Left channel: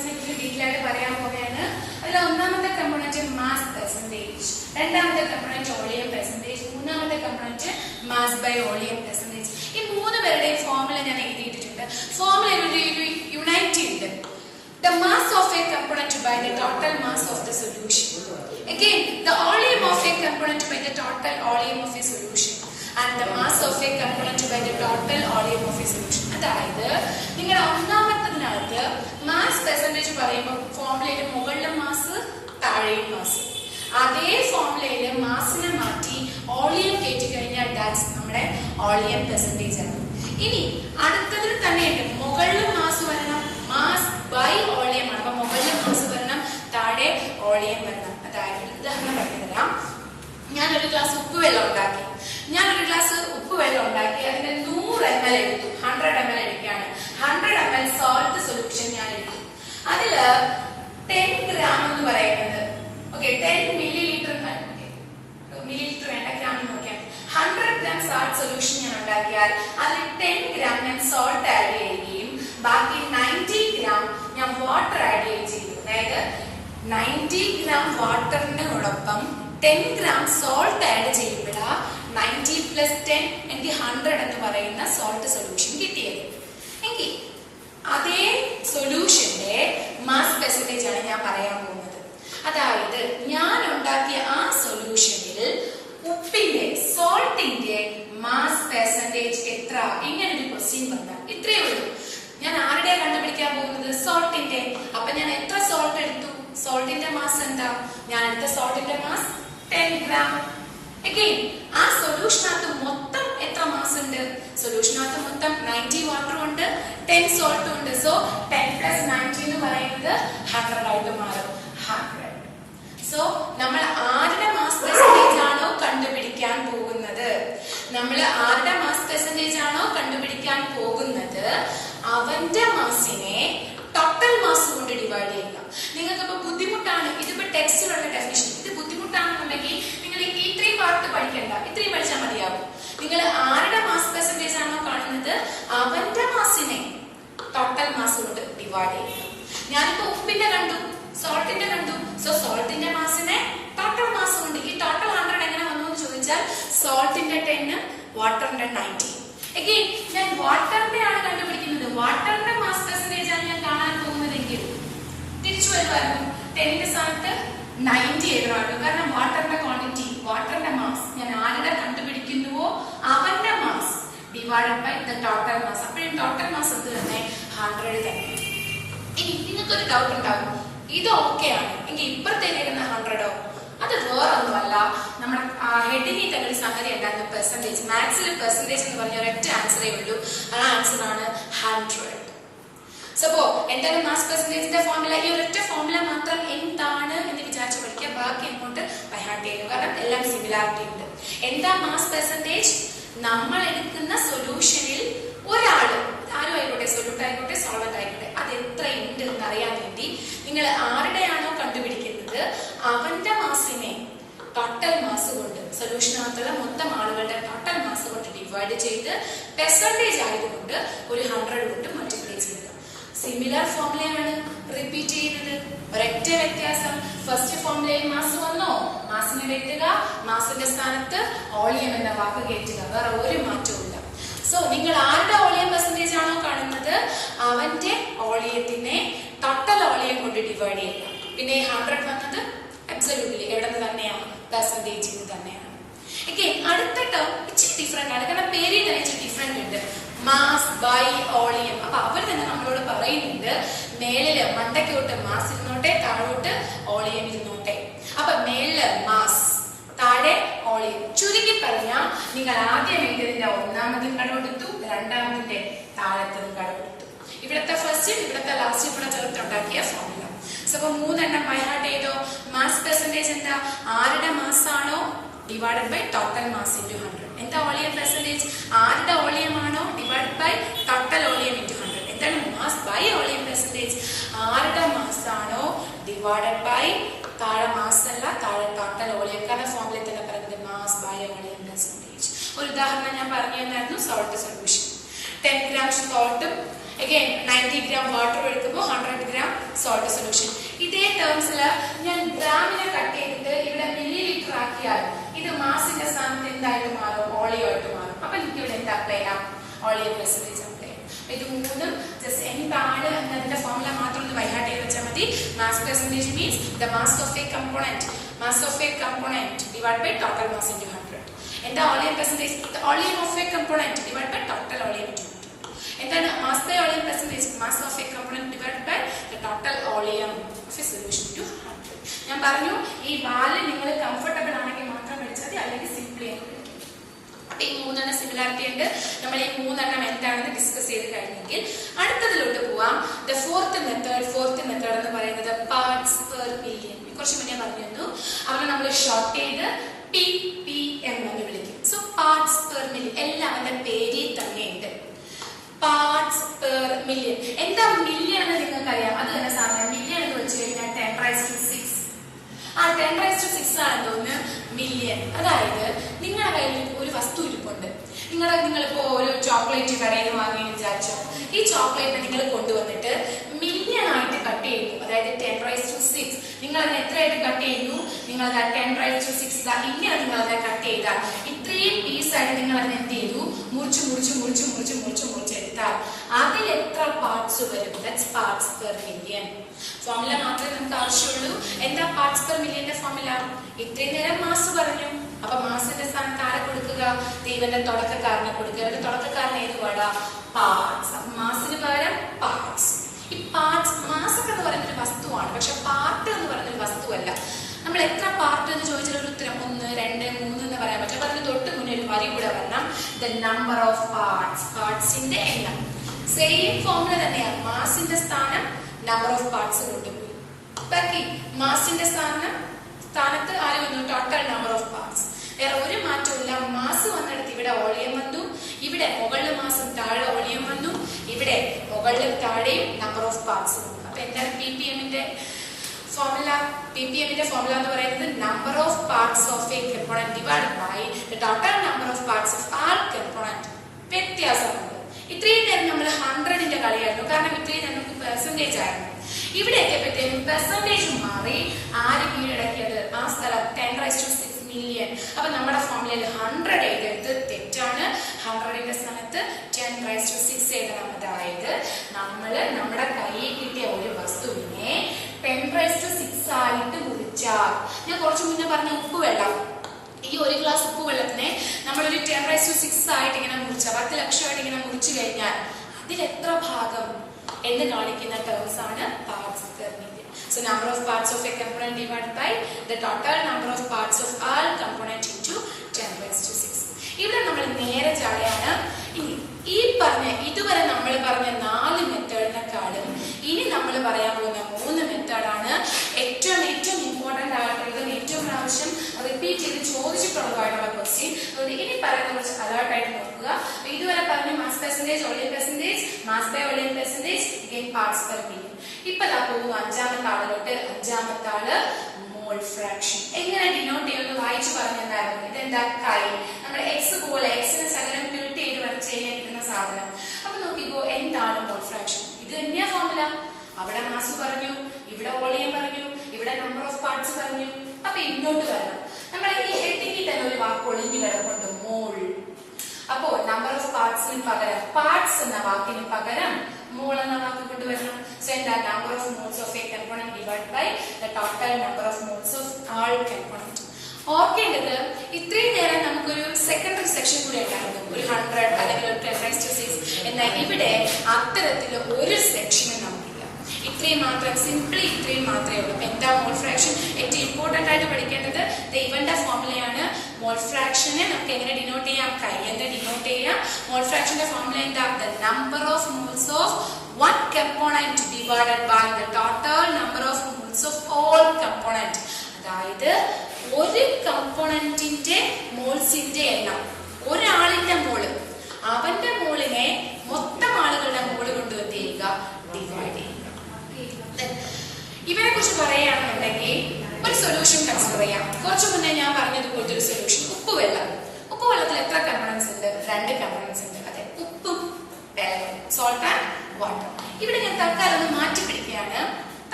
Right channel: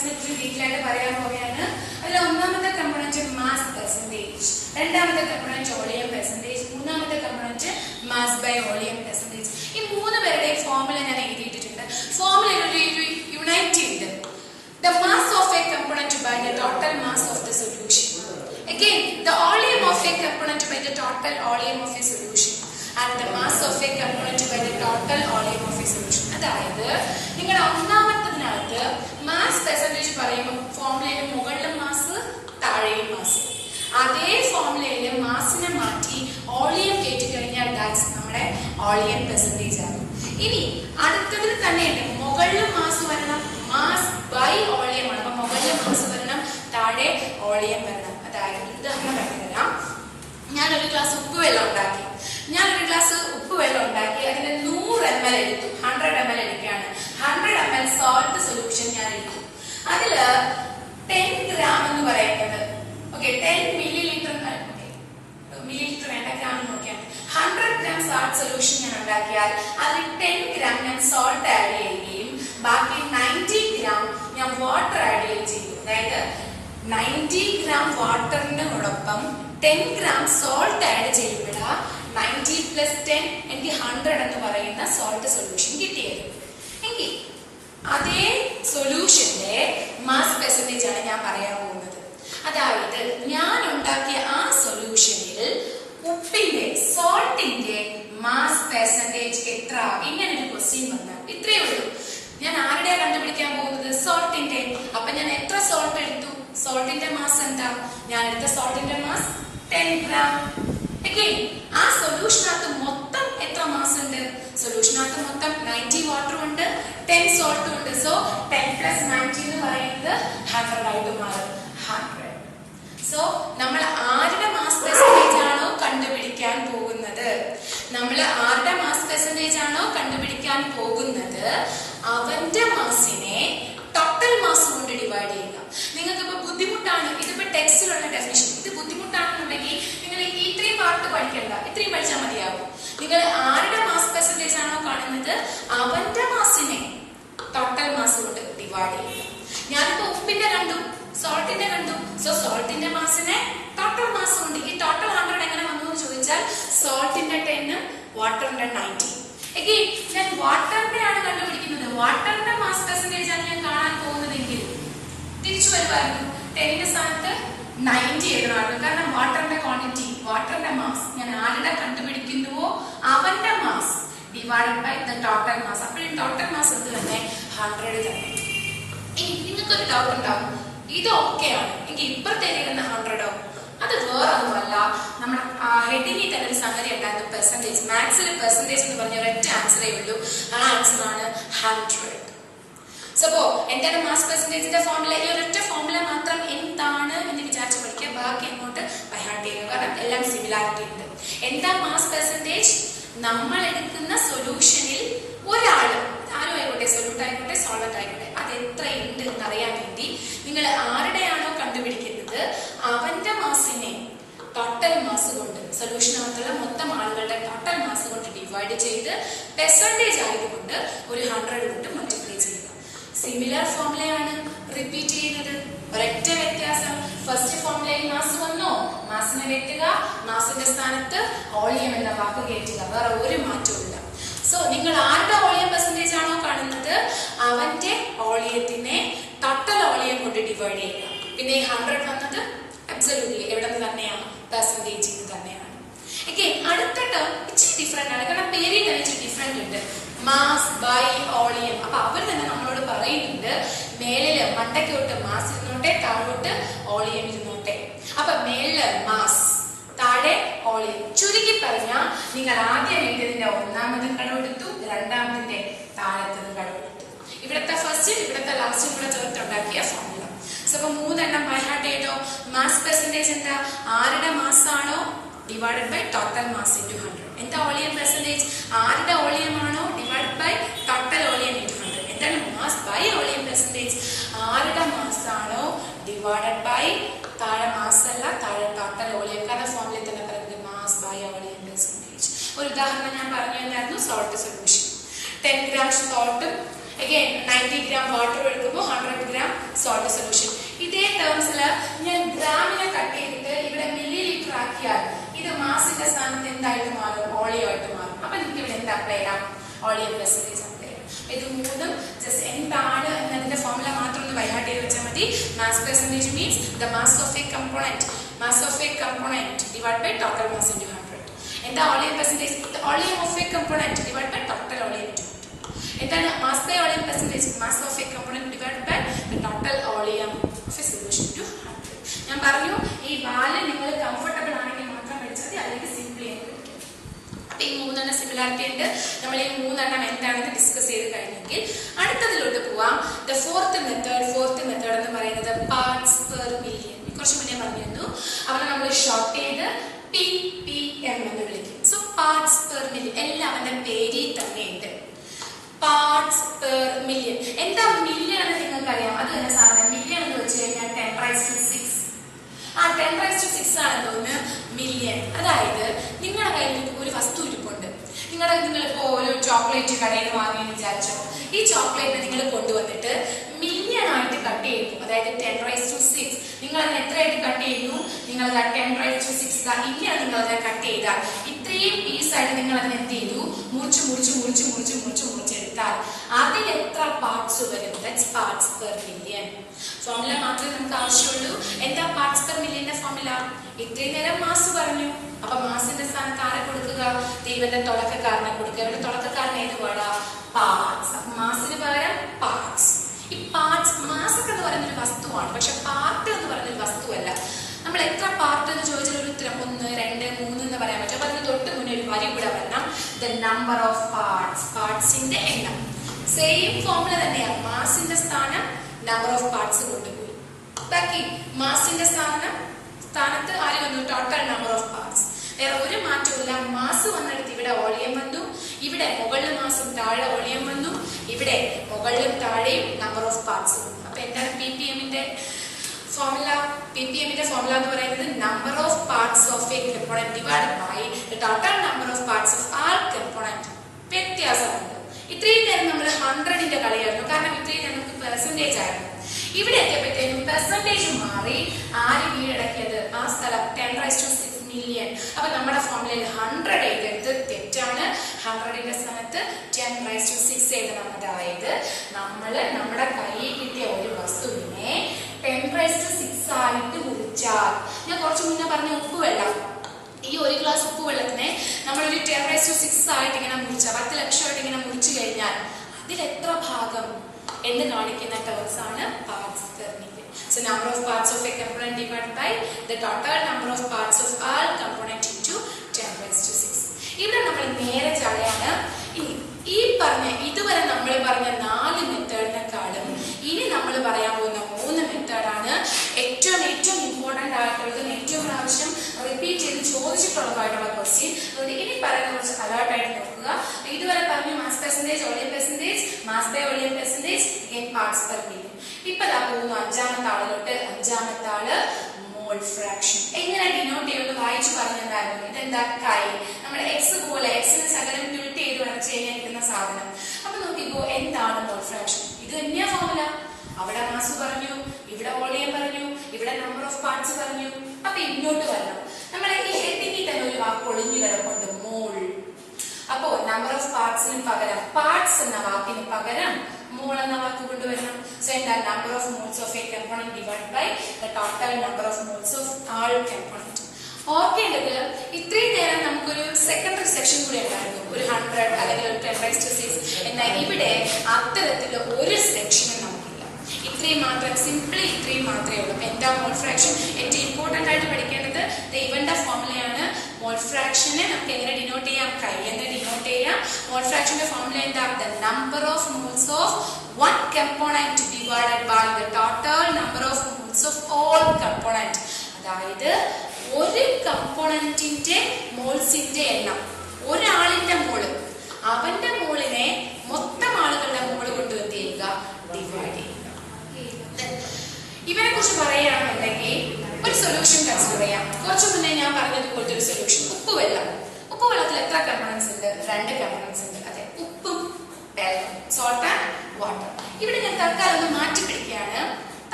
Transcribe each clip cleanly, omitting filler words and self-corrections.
കമ്പോണൻസിനെ കുറിച്ച് ഡീറ്റെയിൽ ആയിട്ട് പറയാൻ പോവുകയാണ്. അതിൽ ഒന്നാമത്തെ കമ്പോണന്റ് മാസ് പെർസെന്റേജ്, രണ്ടാമത്തെ കമ്പോണന്റ് വോളിയം പെർസെന്റേജ്, മൂന്നാമത്തെ component mass by volume percentage. ഈ മൂന്ന് പേരുടെ ഫോർമുല ഞാൻ എഴുതിയിട്ടുണ്ട്. ഫോർമുല ഒരു യുണൈറ്റ് ചെയ്ത് the mass of a component by the total mass of the solution. Again, the volume of a component by the total volume of a solution and the mass of a component by the total volume of a solution. അതായത് നിങ്ങൾ ഒന്നാമത്തതിനകത്ത് mass percentage പറയുമ്പോൾ ഫോർമുലയിൽ മുകളിലെ mass താഴെയും mass, അതേ ഫോർമുലയിൽ മാസിനെ മാറ്റി volume കയറ്റി കഴിഞ്ഞാൽ ദാറ്റ്സ് നമ്മുടെ വോളിയം പെർസെന്റേജ് ആണ്. ഇനി അടുത്തതിൽ തന്നെയുണ്ട്, മുകളിൽ മാസ് വരണം, മാസ് ബൈ വോളിയം ആണ്. അപ്പൊ മുകളിൽ മാസ് വരണം, താഴെ വോളിയം വരണം. അതായത് ഉദാഹരണം പറഞ്ഞുതരാം. ഞാനൊരു ഗ്ലാസ് ഉപ്പ് വെള്ളം ഉണ്ടാക്കി. അതിന്റെ 100 ml എടുത്തു, 100 ml എടുക്കുകയാണ്. 100 ml സോൾട്ട് സൊല്യൂഷൻ ഞാൻ എടുത്തു. അതില് 10 ഗ്രാം എന്ന് പറയുന്നത് 10 മില്ലിലിറ്റർ വേണ്ട, ഗ്രാം നോക്കിയാൽ 100 ഗ്രാം സോൾട്ട് സൊല്യൂഷൻ ഞാൻ ഉണ്ടാക്കിയാൽ അതിൽ 10 ഗ്രാം ഞാൻ സോൾട്ട് ആഡ് ചെയ്യുകയും ബാക്കി 90 ഗ്രാം ഞാൻ വാട്ടർ ആഡ് ചെയ്യുകയും ചെയ്തു. അതായത് 90 ഗ്രാം വാട്ടറിനോടൊപ്പം 10 ഗ്രാം സോൾട്ട് ആഡ് ചെയ്യുമ്പോഴാ 90 പ്ലസ് 10 എനിക്ക് 100 എന്ന് പറയുന്ന സോൾട്ട് സൊല്യൂഷൻ കിട്ടിയത്. എങ്കിൽ അതേ സൊല്യൂഷന്റെ മാസ് പെർസെന്റേജ് ആണ് ഞാൻ പറയാൻ പോകുന്നത്. അതായത് ഞാൻ ഉണ്ടാക്കിയ ആ സൊല്യൂഷനിൽ ഉപ്പിന്റെ സോൾട്ടിന്റെ മാസ് പെർസെന്റേജ് എത്ര? ഇങ്ങനെ ഒരു ക്വസ്റ്റ്യൻ വന്നാൽ ഇത്രയേ ഉള്ളൂ. ഞാൻ ആരുടെ കണ്ടുപിടിക്കാൻ പോകുന്നത്? സോൾട്ടിന്റെ. അപ്പൊ ഞാൻ എത്ര സോൾട്ട് എടുത്തു? സോൾട്ടിന്റെ മാസ് എന്താ? ഞാൻ എടുത്ത സോൾട്ടിന്റെ മാസ് 10 ഗ്രാം. ആ സൊല്യൂഷനകത്ത് മൊത്തം എത്ര മാസ് ഉണ്ട്? സൊല്യൂഷനകത്ത് മൊത്തം 90 വാട്ടർ ഉണ്ട്, 10 സോൾട്ടും ഉണ്ട്. സോ 10 പ്ലസ് 90 എന്ന് പറയുന്നത് 100 ആയിട്ട് മാറും. 100. സോ നമ്മൾ ആരുടെ മാസ് പെർസെന്റേജ് ആണോ കണ്ടുപിടിക്കാൻ പോകുന്നത്, അവന്റെ മാസിനെ ടോട്ടൽ മാസ് കൊണ്ട് ഡിവൈഡ് ചെയ്യുക. നിങ്ങൾക്ക് ഇപ്പൊ ബുദ്ധിമുട്ടാണ്, ഇതിപ്പോ ടെക്സ്റ്റിലുള്ള ഡെഫിനിഷൻ, ഇത് ബുദ്ധിമുട്ടാണെന്നുണ്ടെങ്കിൽ നിങ്ങൾ ഇത്രയും പാർട്ട് പഠിക്കണ്ട, ഇത്രയും പഠിച്ചാൽ മതിയാവും. നിങ്ങൾ ആരുടെ മാസ് പെർസെന്റേജ് ആണോ കാണുന്നത് അവന്റെ മാസിനെ ടോട്ടൽ മാസ് കൊണ്ട് ഡിവൈഡ് ചെയ്യുക. ഞാനിപ്പോ ഉപ്പിന്റെ കണ്ടു, സോൾട്ടിന്റെ കണ്ടു. സോ സോൾട്ടിന്റെ മാസിനെ ടോട്ടൽ മാസ് കൊണ്ട്, ഈ ടോട്ടൽ 100 എങ്ങനെ വന്നു എന്ന് ചോദിച്ചാൽ സോൾട്ടിന്റെ 10 വാട്ടറിന്റെ 90. ഞാൻ വാട്ടറിന്റെ ആണ് കണ്ടുപിടിക്കുന്നത്. വാട്ടറിന്റെ മാസ് പെർസെന്റേജ് ആണ് ഞാൻ കാണാൻ പോകുന്നതെങ്കിൽ തിരിച്ചു വരുമായിരുന്നു 10 സ്ഥാനത്ത് 90 എഴുതാറുണ്ട്. കാരണം വാട്ടറിന്റെ ക്വാണ്ടിറ്റി, വാട്ടറിന്റെ മാസ് ഞാൻ ആരുടെ കണ്ടുപിടിക്കുന്നുവോ അവന്റെ mass divided by the total mass. അപ്പോഴും ടോട്ടൽ മാസ് എന്ത് തന്നെ 100 തന്നെ. ഇനി നിങ്ങൾക്കൊരു ഡൗട്ട് ഉണ്ടാവും, ഇത് ഓക്കെയാണ് എങ്കിൽ ഇപ്പുറത്തെ ഇടുന്ന 100 അത് വേറൊന്നുമല്ല, നമ്മുടെ ഹെഡിങ്ങിൽ തന്നെ ഒരു സംഗതി ഉണ്ടാകുന്ന പെർസെന്റേജ്. മാത്സിൽ പെർസെന്റേജ് എന്ന് പറഞ്ഞ ഒരൊറ്റ ആൻസറേ ഉള്ളൂ. ആ ആൻസർ ആണ് 100. സപ്പോ എന്താണ് മാസ് പെർസെന്റേജിന്റെ ഫോർമുല? ഈ ഒരൊറ്റ ഫോർമുല മാത്രം എന്താണ് എന്ന് വിചാരിച്ച് പഠിക്കുക, ബാക്കി അങ്ങോട്ട് ബൈ ഹാർട്ട് ചെയ്യുക. കാരണം എല്ലാം സിമിലാരിറ്റി ഉണ്ട്. എന്താ മാസ് പെർസെന്റേജ്? നമ്മൾ എടുക്കുന്ന സൊല്യൂഷനിൽ ഒരാള്, ആരും ആയിക്കോട്ടെ, സൊല്യൂട്ട് ആയിക്കോട്ടെ, സോൾവെന്റ് ആയിക്കോട്ടെ, അത് എത്ര ഉണ്ട് എന്ന് അറിയാൻ വേണ്ടി നിങ്ങൾ ആരുടെയാണോ കണ്ടുപിടിക്കുന്നത് അവന്റെ മാസിനെ ടോട്ടൽ മാസ് കൊണ്ട്, സൊല്യൂഷനകത്തുള്ള മൊത്തം ആളുകളുടെ ടോട്ടൽ മാസ് കൊണ്ട് ഡിവൈഡ് ചെയ്ത് പെർസെന്റേജ് ആയതുകൊണ്ട് ഒരു 100 കൊണ്ട് മൾട്ടിപ്ലൈ ചെയ്യുക. സിമിലർ ഫോർമുലയാണ് റിപ്പീറ്റ് ചെയ്യുന്നത്. ഒരൊറ്റ വ്യത്യാസം, ഫസ്റ്റ് ഫോർമുലയിൽ മാസ് വന്നോ, മാസിനെ വെട്ടുക, മാസിന്റെ സ്ഥാനത്ത് വോളിയം എന്ന വാക്ക് കയറ്റുക, വേറെ ഒരു മാറ്റവും ഇല്ല. സോ നിങ്ങൾ ആരുടെ വോളിയം പെർസെന്റേജ് ആണോ കാണുന്നത് അവന്റെ വോളിയത്തിനെ ടോട്ടൽ വോളിയം കൊണ്ട് ഡിവൈഡ് ചെയ്യുക. പിന്നെ 100 വന്നത് അബ്സല്യൂട്ട്ലി എവിടെ നിന്ന് തന്നെയാണ്? പെർസെന്റേജിൽ തന്നെയാണ്. അടുത്ത ടേം ഇച്ചിരി ഡിഫറെന്റ് ആണ്, കാരണം പേരിൽ തന്നെ ഇച്ചിരി ഡിഫറെന്റ് ഉണ്ട്. Mass by volume. അപ്പൊ അവർ തന്നെ നമ്മളോട് പറയുന്നുണ്ട് മേലില് മണ്ടയ്ക്കോട്ട് മാസ് ഇരുന്നോട്ടെ, താഴോട്ട് വോളിയം ഇരുന്നോട്ടെ. അപ്പൊ മേലില് മാസ്, താഴെ വോളിയം. ചുരുക്കി പറഞ്ഞാൽ നിങ്ങൾ ആദ്യം എഴുതിയതിന്റെ ഒന്നാമതും കടമെടുത്തു, രണ്ടാമതിന്റെ താഴത്തതും കടമെടുത്തു. ഇവിടത്തെ ഫസ്റ്റ്, ഇവിടത്തെ ലാസ്റ്റ് കൂടെ ചേർത്തുണ്ടാക്കിയ ഫോർമുല. അപ്പൊ 3 ബൈ ഹാർട്ട് ചെയ്തോ. മാസ് പെർസെന്റേജ് എന്താ? ആരുടെ മാസ് ആണോ divided by total mass into 100. എന്താ വോളിയം പെർസെന്റേജ്? ആരുടെ വോളിയം ആണോ divided by total volume into 100. എന്താണ് മാസ് ബൈ വോളിയം പെർസെന്റേജ്? ആരുടെ മാസ് ആണോ ഡിവൈഡഡ് ബൈ, താഴെ മാസ് അല്ല, താഴെ ടോട്ടൽ വോളിയം. കാരണം ഫോർമുലയിൽ തന്നെ പറയുന്നത് മാസ് ബൈ വോളിയം പെർസെന്റേജ്. ഒരു ഉദാഹരണം ഞാൻ പറഞ്ഞു തന്നായിരുന്നു, സോൾട്ട് സൊല്യൂഷൻ. 10 ഗ്രാം സോൾട്ടും അഗൈൻ 90 gram വാട്ടർ എടുക്കുമ്പോൾ 100 gram സോൾട്ട് സൊല്യൂഷൻ. ഇതേ ടേംസിൽ ഞാൻ ഗ്രാമിനെ കട്ട് ചെയ്തിട്ട് ഇവിടെ മില്ലി ലിറ്റർ ആക്കിയാൽ ഇത് മാസിന്റെ സ്ഥാനത്ത് എന്തായിട്ട് മാറും? ഓളിയായിട്ട് മാറും. അപ്പൊ നിങ്ങൾക്ക് ഇവിടെ എന്താ അപ്ലൈ ചെയ്യാം? ഓളിയം പെർസെന്റേജ് അപ്ലൈ ചെയ്യാം. ഇത് മൂന്നും ജസ്റ്റ് എന്താണ് എന്നതിന്റെ ഫോർമുല മാത്രം ഒന്ന് ബൈഹാർട്ട് ചെയ്ത് വെച്ചാൽ മതി. Mass percentage means the mass of a component divide by total mass into 100. എന്താ volume percentage? Volume of a component divide by total volume into 100. എന്താണ് mass by volume percentage? Mass of a component divide by the total volume of a solution to 100. ഞാൻ പറഞ്ഞു ഈ value നിങ്ങൾ comfortable ആണെങ്കിൽ മാത്രം പഠിച്ചാൽ മതി, അല്ലെങ്കിൽ സിംപ്ലി എന്ന് പഠിക്കും. അപ്പൊ ഈ മൂന്നെണ്ണം സിമിലാരിറ്റി ഉണ്ട്. നമ്മൾ ഈ മൂന്നെണ്ണം എന്താണെന്ന് ഡിസ്കസ് ചെയ്ത് കഴിഞ്ഞെങ്കിൽ അടുത്തതിലോട്ട് പോവാം. ദ ഫോർത്ത് മെത്തേഡ് എന്ന് പറയുന്നത് പാർട്സ് പെർ മില്യൺ. കുറച്ച് മുന്നേ പറഞ്ഞിരുന്നു. അവനെ നമ്മൾ ഷോർട്ട് ചെയ്ത് PPM എന്ന് വിളിക്കും. സോ പാർട്സ് പെർ മില്യൺ എല്ലാവരുടെ പേരിൽ തന്നെയുണ്ട്. Parts per million. എന്താ മില്യൺ എന്ന് നിങ്ങൾക്ക് അറിയാം. അത് തന്നെ സാധനം മില്യൺ എന്ന് വെച്ച് കഴിഞ്ഞാൽ 10⁻⁶. ആ 10⁻⁶ ആണ് തോന്നുന്നു മില്യൺ. അതായത് നിങ്ങളുടെ കയ്യിൽ ഒരു വസ്തു ഇരിപ്പുണ്ട്. നിങ്ങളിപ്പോ ഒരു ചോക്ലേറ്റ് കടയിൽ വാങ്ങിയെന്ന് വിചാരിച്ചു. ഈ ചോക്ലേറ്റ് നിങ്ങൾ കൊണ്ടുവന്നിട്ട് മില്യൺ ആയിട്ട് കട്ട് ചെയ്യുന്നു. അതായത് 10⁻⁶. നിങ്ങൾ അതിന് എത്രയായിട്ട് കട്ട് ചെയ്യുന്നു? നിങ്ങൾ 10⁻⁶ ഇങ്ങനെ നിങ്ങൾ അതിനെ കട്ട് ചെയ്യുക. ഇത്രയും പീസായിട്ട് നിങ്ങൾ അതിനെ എന്ത് ചെയ്തു? മുറിച്ചെടുത്താൽ അതിൽ എത്ര പാർട്സ് വരും? That's parts per million. Formula മാത്രമേ നമുക്ക് ആവശ്യമുള്ളൂ. എന്താ പാർട്സ് പെർ മില്യന്റെ ഫോർമുല? ഇത്രയും നേരം മാസ് പറഞ്ഞു. അപ്പൊ മാസിന്റെ സ്ഥാനത്ത് ആരെ കൊടുക്കുക? ഇവന്റെ തുടക്കക്കാരനെ കൊടുക്കുക. ഇവരുടെ തുടക്കക്കാരൻ ഏത് വേർഡാ? പാർട്സ്. അപ്പൊ മാസിന് പകരം പാർട്സ്. ഈ പാർട്സ്, മാസ് എന്ന് പറയുന്നൊരു വസ്തുവാണ്, പക്ഷെ പാർട്ട് എന്ന് പറയുന്നൊരു വസ്തുവല്ല. നമ്മൾ എത്ര പാർട്ട് എന്ന് ചോദിച്ചാൽ ഒരു ഉത്തരം 1, 2, 3 എന്ന് പറയാൻ പറ്റും. അപ്പൊ അതിന് തൊട്ട് മുന്നേ ഒരു വരി കൂടെ വരണം. ദ നമ്പർ ഓഫ് പാർട്സ്, പാർട്സിന്റെ എണ്ണം. സെയിം ഫോർമുല തന്നെയാണ്. മാസിന്റെ സ്ഥാനം നമ്പർ ഓഫ് പാർട്സ് കൊണ്ടുപോയി. ബാക്കി മാസിന്റെ സ്ഥാനത്ത് ആര് വന്നു? Total number of parts. വേറെ ഒരു മാറ്റവും. മാസ് വന്നെടുത്ത് ഇവിടെ ഓളിയം വന്നു. ഇവിടെ മുകളിൽ മാസും താഴെ ഓളിയം വന്നു. ഇവിടെ മുകളിലും താഴെയും നമ്പർ ഓഫ് പാർട്സ് വന്നു. അപ്പൊ എന്താണ് PPMന്റെ ഫോർമുല? PPMന്റെ ഫോർമുല എന്ന് പറയുന്നത് number of parts of a component divide by the total number of parts of all component. വ്യത്യാസമുണ്ട്. ഇത്രയും നേരം നമ്മൾ 100ന്റെ കളിയായിരുന്നു. കാരണം ഇത്രയും നമുക്ക് പെർസെന്റേജ് ആയിരുന്നു. ഇവിടെ എത്തിയപ്പോഴത്തേനും പെർസെന്റേജ് മാറി. ആര് കീഴടക്കിയത്? ആ സ്ഥലം 10⁻⁶ മില്യൺ. അപ്പൊ നമ്മുടെ ഫോർമുലയിൽ 100 എഴുതരുത്, തെറ്റാണ്. 100ന്റെ സ്ഥാനത്ത് 10⁻⁶ എഴുതണം. അതായത് നമ്മുടെ കയ്യിൽ കിട്ടിയ ഒരു വസ്തുവിനെ 10⁻⁶ ആയിട്ട് മുറിച്ചാൽ, ഞാൻ കുറച്ച് മുന്നേ പറഞ്ഞ ഉപ്പുവെള്ളം, ഈ ഒരു ഗ്ലാസ് ഉപ്പുവെള്ളത്തിനെ നമ്മളൊരു 10⁻⁶ ആയിട്ട് ഇങ്ങനെ മുറിച്ച 10 ലക്ഷമായിട്ട് ഇങ്ങനെ മുറിച്ചു കഴിഞ്ഞാൽ അതിൽ എത്ര ഭാഗം എന്ന് കാണിക്കുന്ന ടേംസ് ആണ് parts per million. So number of parts of a component divided by the total number of parts of all component into 10⁻⁶. ഇവിടെ നമ്മൾ നേരെ ചാടെയാണ്. ഈ പറഞ്ഞ ഇതുവരെ നമ്മൾ പറഞ്ഞ 4 മെത്തേഡിനെക്കാളും ഇനി നമ്മൾ പറയാൻ പോകുന്ന 3 മെത്തേഡാണ് ഏറ്റവും ഇമ്പോർട്ടന്റ് ആയിട്ടുള്ളത്. ഏറ്റവും പ്രാവശ്യം റിപ്പീറ്റ് ചെയ്ത് ചോദിച്ചിട്ടുള്ളതായിട്ടുള്ള ക്വസ്റ്റ്യൻ. അതുകൊണ്ട് ഇനി പറയുന്ന കുറച്ച് അലേർട്ടായിട്ട് നോക്കുക. ഇതുവരെ പറഞ്ഞു mass percentage, volume percentage, mass by volume percentage, parts per million. ഇപ്പൊ പോകുന്നു 5ാമത്തെ ആളിലോട്ട്. 5ാമത്തെ ആള് മോൾ ഫ്രാക്ഷൻ. എങ്ങനെ ഡിനോട്ട് ചെയ്യുമെന്ന് വായിച്ചു പറഞ്ഞിട്ടുണ്ടായിരുന്നു. ഇതെന്താ? കൈ. നമ്മുടെ എക്സ് പോലെ എക്സിന് ശകലം ടിൽറ്റ് ചെയ്ത് വരച്ച് കഴിഞ്ഞാൽ കിട്ടുന്ന സാധനം. അപ്പൊ നോക്കിക്കോ, എന്താണ് മോൾ ഫ്രാക്ഷൻ? ഇത് തന്നെയാ ഫോർമുല. അവിടെ മാസ് പറഞ്ഞു, ഇവിടെ ഓളിയം പറഞ്ഞു, ഇവിടെ നമ്പർ ഓഫ് പാർട്സ് പറഞ്ഞു. അപ്പൊ ഇങ്ങോട്ട് വരണം. നമ്മുടെ ഈ ഹെഡിങ്ങിൽ തന്നെ ഒരു വാക്ക് ഒളിഞ്ഞു കിടപ്പുണ്ട്, മോൾ. അപ്പോ നമ്പർ ഓഫ് പാർട്സിന് പകരം, പാർട്സ് എന്ന വാക്കിന് പകരം മോൾ എന്ന വാക്ക് കൊണ്ടുവരണം. സോ എന്താ? Number of moles of a component divide by the total number of moles of all component. ഓർക്കേണ്ടത്, ഇത്രയും നേരം നമുക്കൊരു സെക്കൻഡറി സെക്ഷൻ കൂടെ ഉണ്ടായിരുന്നു, ഒരു 100 അല്ലെങ്കിൽ ഒരു 10⁻⁶. എന്നാൽ ഇവിടെ അത്തരത്തിൽ ഒരു സെക്ഷനും നമുക്കില്ല. ഇത്രയും മാത്രം, സിംപിളി ഇത്രയും മാത്രമേ ഉള്ളൂ. എന്താ മോൾ ഫ്രാക്ഷൻ? ഏറ്റവും ഇമ്പോർട്ടന്റ് ആയിട്ട് പഠിക്കേണ്ടത് ഇവന്റെ ഫോർമുലയാണ്. മോൾ ഫ്രാക്ഷനെ നമുക്ക് എങ്ങനെ ഡിനോട്ട് ചെയ്യാം? കൈ എന്ന് ഡിനോട്ട് ചെയ്യാം. മോൾ ഫ്രാക്ഷന്റെ ഫോർമുല എന്താ? The number of moles of one component divided by the total number of moles of all component. അതായത് ഒരു കമ്പോണന്റിന്റെ മോൾസിന്റെ എണ്ണം, ഒരാളിന്റെ മോള്, അവന്റെ മോളിനെ മൊത്തം ആളുകളുടെ മോള് കൊണ്ട് എന്ത് ഡിവൈഡ് ചെയ്യുക. ഇവനെ കുറിച്ച് പറയുകയാണെന്നുണ്ടെങ്കിൽ ഒരു സൊല്യൂഷൻ കൺസിഡർ ചെയ്യാം. കുറച്ചു മുന്നേ ഞാൻ പറഞ്ഞതുപോലത്തെ ഒരു സൊല്യൂഷൻ, ഉപ്പുവെള്ളം. ഉപ്പുവെള്ളത്തിൽ എത്ര കമ്പോണൻസ് ഉണ്ട്? 2 കമ്പോണൻസ് ഉണ്ട്. അതെ, ഉപ്പും വെള്ളം, സോൾട്ട് ആൻഡ് വാട്ടർ. ഇവിടെ ഞാൻ തൽക്കാലം ഒന്ന് മാറ്റി പിടിക്കുകയാണ്.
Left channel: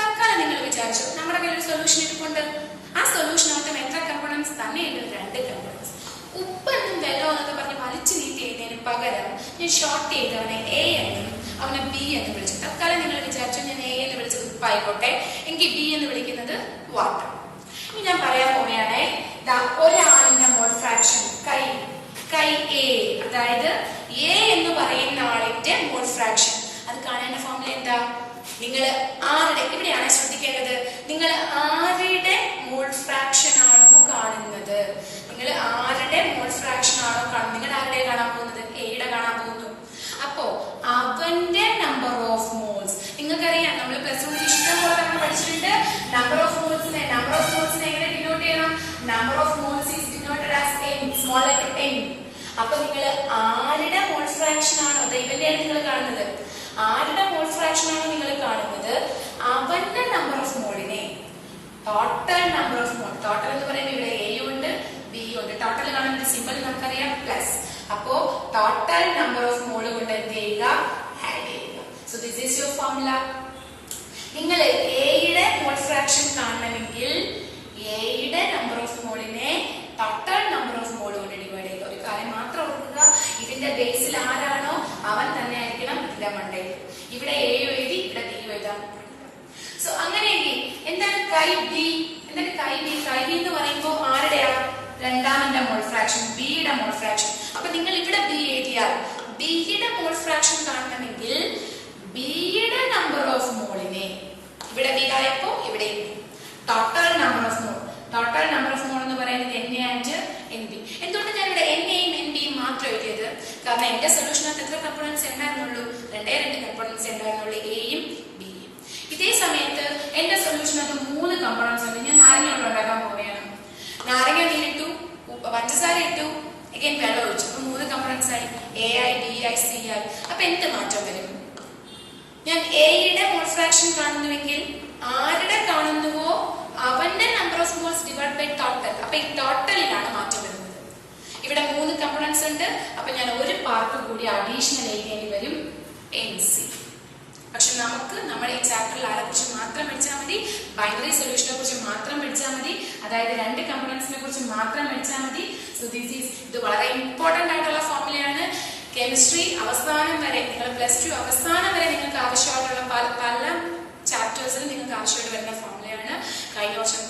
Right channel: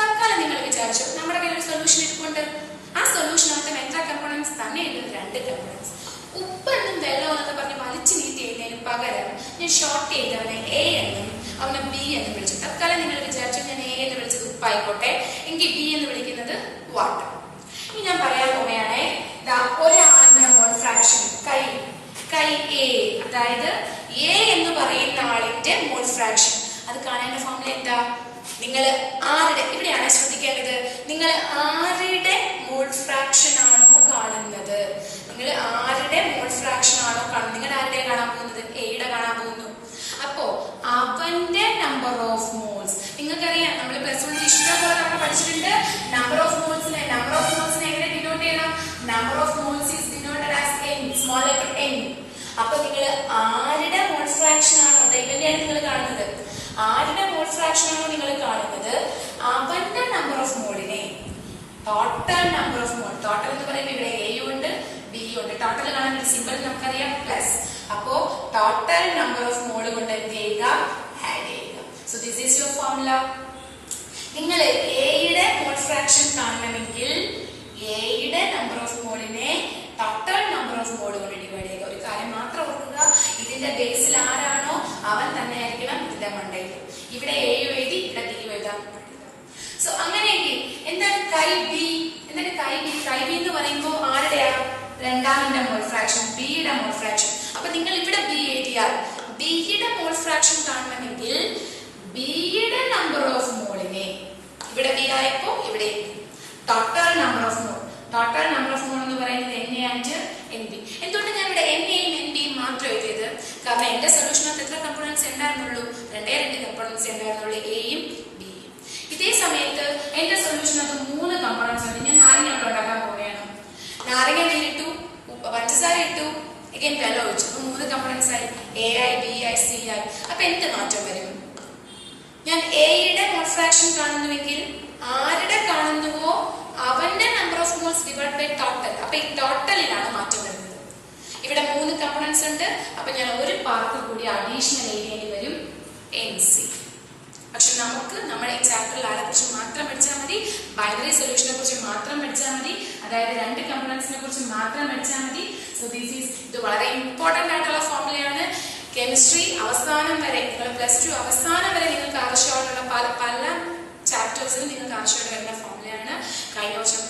തൽക്കാലം നിങ്ങൾ വിചാരിച്ചു നമ്മുടെ കയ്യിൽ ഒരു സൊല്യൂഷൻ ഇരിപ്പുണ്ട്. ആ സൊല്യൂഷനകത്ത് എത്ര കമ്പോണൻസ് തന്നെ ഉണ്ട്? 2 കമ്പോണൻസ്. ഉപ്പ് എന്നും വെള്ളം എന്നൊക്കെ പറഞ്ഞ് വലിച്ചു നീട്ടി എഴുതുന്നതിന് പകരം ഞാൻ ഷോർട്ട് ചെയ്ത് അവനെ എ എന്നും അവനെ ബി എന്ന് വിളിച്ചു. തൽക്കാലം നിങ്ങൾ വിചാരിച്ചു ഞാൻ എ എന്ന് വിളിച്ചത് ഉപ്പായിക്കോട്ടെ, എങ്കിൽ ബി എന്ന് വിളിക്കുന്നത് വാട്ടർ. ഇനി ഞാൻ പറയാൻ പോവുകയാണേ, ഒരാളിന്റെ മോൾ ഫ്രാക്ഷൻ കൈ എ, അതായത് എ എന്ന് പറയുന്ന ആളിന്റെ മോൾ ഫ്രാക്ഷൻ അത് കാണേണ്ട ഫോർമുല എന്താ? നിങ്ങൾ ആരുടെ, ഇവിടെയാണ് ശ്രദ്ധിക്കേണ്ടത്, നിങ്ങൾ ആരുടെ മോൾ ഫ്രാക്ഷൻ ആണോ കാണുന്നത്, നിങ്ങൾ ആരുടെ മോൾ ഫ്രാക്ഷൻ ആണോ കാണുന്നത്, നിങ്ങൾ ആരുടെ കാണാൻ പോകുന്നത്? എയുടെ കാണാൻ പോകുന്നു. അപ്പോ അവന്റെ നമ്പർ ഓഫ് മോൾസ്, നിങ്ങൾക്കറിയാം നമ്മൾ +1 ഇഷ്ടം പോലെ നമ്മൾ പഠിച്ചിട്ടുണ്ട്. നമ്പർ ഓഫ് മോൾസിനെ എങ്ങനെ ഡിനോട്ട് ചെയ്യണം? Number of moles is denoted as n, small letter n. അപ്പൊ നിങ്ങൾ ആരുടെ മോൾ ഫ്രാക്ഷൻ ആണോ ഇവന്റെയാണ് നിങ്ങൾ കാണുന്നത്, ആരുടെ മോൾ ഫ്രാക്ഷൻ ആണോ നിങ്ങൾ കാണുന്നത്, അവന്റെ നമ്പർ ഓഫ് മോളിനെ total number of mole, total എന്ന് പറയുമ്പോൾ ഇവിടെ എ ഉണ്ട് ബി ഉണ്ട്, ടോട്ടൽ കാണുന്ന സിമ്പിൾ നമുക്കറിയാം പ്ലസ്. അപ്പോ ടോട്ടൽ നമ്പർ ഓഫ് മോൾ കൊണ്ട് എന്ത് ചെയ്യുക? ആഡ് ചെയ്യുക. So this is your formula. നിങ്ങൾ എയുടെ മോൾ ഫ്രാക്ഷൻ കാണണമെങ്കിൽ എയുടെ നമ്പർ ഓഫ് മോളിനെ ടോട്ടൽ നമ്പർ ഓഫ് മോൾ കൊണ്ട് ഡിവൈഡ് ചെയ്യുക. ഒരു കാര്യം മാത്രം ഓർക്കുക, ഇതിന്റെ ബേസിൽ ആരാണോ അവൻ തന്നെ ആയിരിക്കണം ഇതിന്റെ മണ്ടയിൽ. ഇവിടെ എ എഴുതി, ഇവിടെ ബി എഴുതാം. സോ അങ്ങനെയെങ്കിൽ എന്താണ് കൈ ബി? എന്താണ് കൈ ബി? കൈ ബി എന്ന് പറയുമ്പോൾ ആരുടെയാ? രണ്ടാമന്റെ മോൾ ഫ്രാക്ഷൻ, ബിയുടെ മോൾ ഫ്രാക്ഷൻ. അപ്പൊ നിങ്ങൾ ഇവിടെ ബി എഴുതിയാൽ ബിയുടെ മോൾ ഫ്രാക്ഷൻ കാണണമെങ്കിൽ ബിയുടെ നമ്പർ ഓഫ് മോളിനെ, ഇവിടെ ബി ആയപ്പോ ഇവിടെ total number of mole, total number of മോൾ എന്ന് പറയുന്നത് N A and N B. എന്തുകൊണ്ട് ഞാൻ ഇവിടെ എൻ എയും എൻ ബിയും മാത്രം എഴുതിയത്? കാരണം എന്റെ സൊല്യൂഷനകത്ത് എത്ര കമ്പോണൻസ് ഉണ്ടായിരുന്നുള്ളൂ? 2 കമ്പോണൻസ് ഉണ്ടായിരുന്നുള്ളൂ, എയും ബിയും. ഇതേ സമയത്ത് എന്റെ സൊല്യൂഷനകത്ത് 3 കമ്പോണൻസ് ഉണ്ട്. ഞാൻ നാരങ്ങ വെള്ളം ഉണ്ടാക്കാൻ പോവുകയാണ്. നാരങ്ങ ഇട്ടു, പഞ്ചസാര ഇട്ടു, again വെള്ളം ഒഴിച്ചു. അപ്പൊ 3 കമ്പോണൻസ് ആയി, എ ആയി, ബി ആയി, സി ആയി. അപ്പൊ എന്ത് മാറ്റം വരും? ഞാൻ എയുടെ മോൾ ഫ്രാക്ഷൻ കാണുന്നുവെങ്കിൽ ആരുടെ കാണുന്നുവോ അവന്റെ number of moles divide by total. അപ്പൊ ഈ ടോട്ടലിലാണ് മാറ്റം വരുന്നത്. ഇവിടെ 3 കമ്പോണൻസ് ഉണ്ട്. അപ്പൊ ഞാൻ ഒരു പാർട്ട് കൂടി അഡീഷണൽ എഴുതേണ്ടി വരും, എൻ സി. പക്ഷെ നമുക്ക് നമ്മുടെ ഈ ചാപ്റ്ററിൽ ആരെ കുറിച്ച് മാത്രം പഠിച്ചാൽ മതി, ബൈനറി സൊല്യൂഷനെ കുറിച്ച് മാത്രം പഠിച്ചാൽ മതി, അതായത് 2 കമ്പോണൻസിനെ കുറിച്ച് മാത്രം പഠിച്ചാൽ മതി. സോ ഇത് വളരെ ഇമ്പോർട്ടന്റ് ആയിട്ടുള്ള ഫോർമുലയാണ്. കെമിസ്ട്രി അവസാനം വരെ, നിങ്ങൾ +2 അവസാനം വരെ നിങ്ങൾക്ക് ആവശ്യമായിട്ടുള്ള പല ചാപ്റ്റേഴ്സിൽ നിങ്ങൾക്ക് ആവശ്യമായിട്ട് വരുന്ന ഫോർമുലയാണ്. കഴിഞ്ഞ വർഷം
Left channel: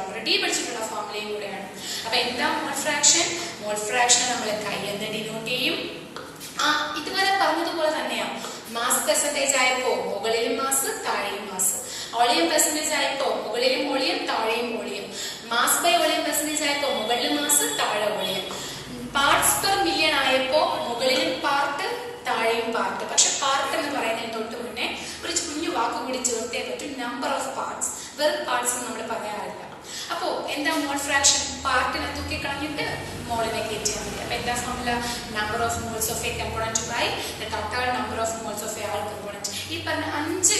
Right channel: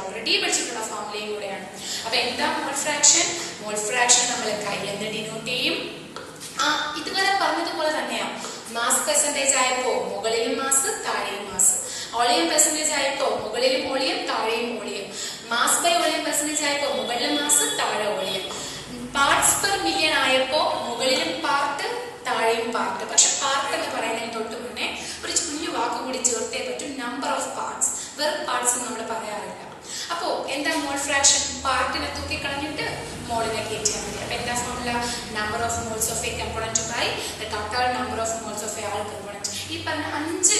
ഓൾറെഡി പഠിച്ചിട്ടുള്ള ഫോർമുലയും കൂടെയാണ്. അപ്പൊ എന്താ മോൾ ഫ്രാക്ഷൻ? മോൾ ഫ്രാക്ഷൻ നമ്മൾ കൈ എന്ന് ഡിനോട്ട് ചെയ്യും. ഇതുവരെ പറഞ്ഞതുപോലെ തന്നെയാണ്. മാസ് പെർസെന്റേജ് ആയപ്പോ മുകളിലും മാസ് താഴെയും മാസ്, വോളിയം പെർസെന്റേജ് ആയപ്പോ മുകളിലും വോളിയം താഴെയും volume, mass by volume percentage ആയപ്പോ മുകളിലും മാസ് താഴെ വോളിയം, പാർട്സ് പെർ മില്യൺ ആയപ്പോ മുകളിലും പാർട്ട് താഴെയും പാർട്ട്. പക്ഷെ പാർട്ട് എന്ന് പറയുന്നതിന് തൊട്ട് മുന്നേ ഒരു കുഞ്ഞു വാക്ക് കൂടി ചേർത്തേ പറ്റും, നമ്പർ ഓഫ് പാർട്സ്. വെറും പാർട്സ് നമ്മൾ പറയാറില്ല. അപ്പോ എന്താ മോൾ ഫ്രാക്ഷൻ? പാർട്ടിനെ തൂക്കി കളഞ്ഞിട്ട് മോളിനെ കയറ്റിയാൽ മതി. അപ്പൊ എന്താ formula? Number of moles of a component by the total number of moles of a all component. ഈ പറഞ്ഞ 5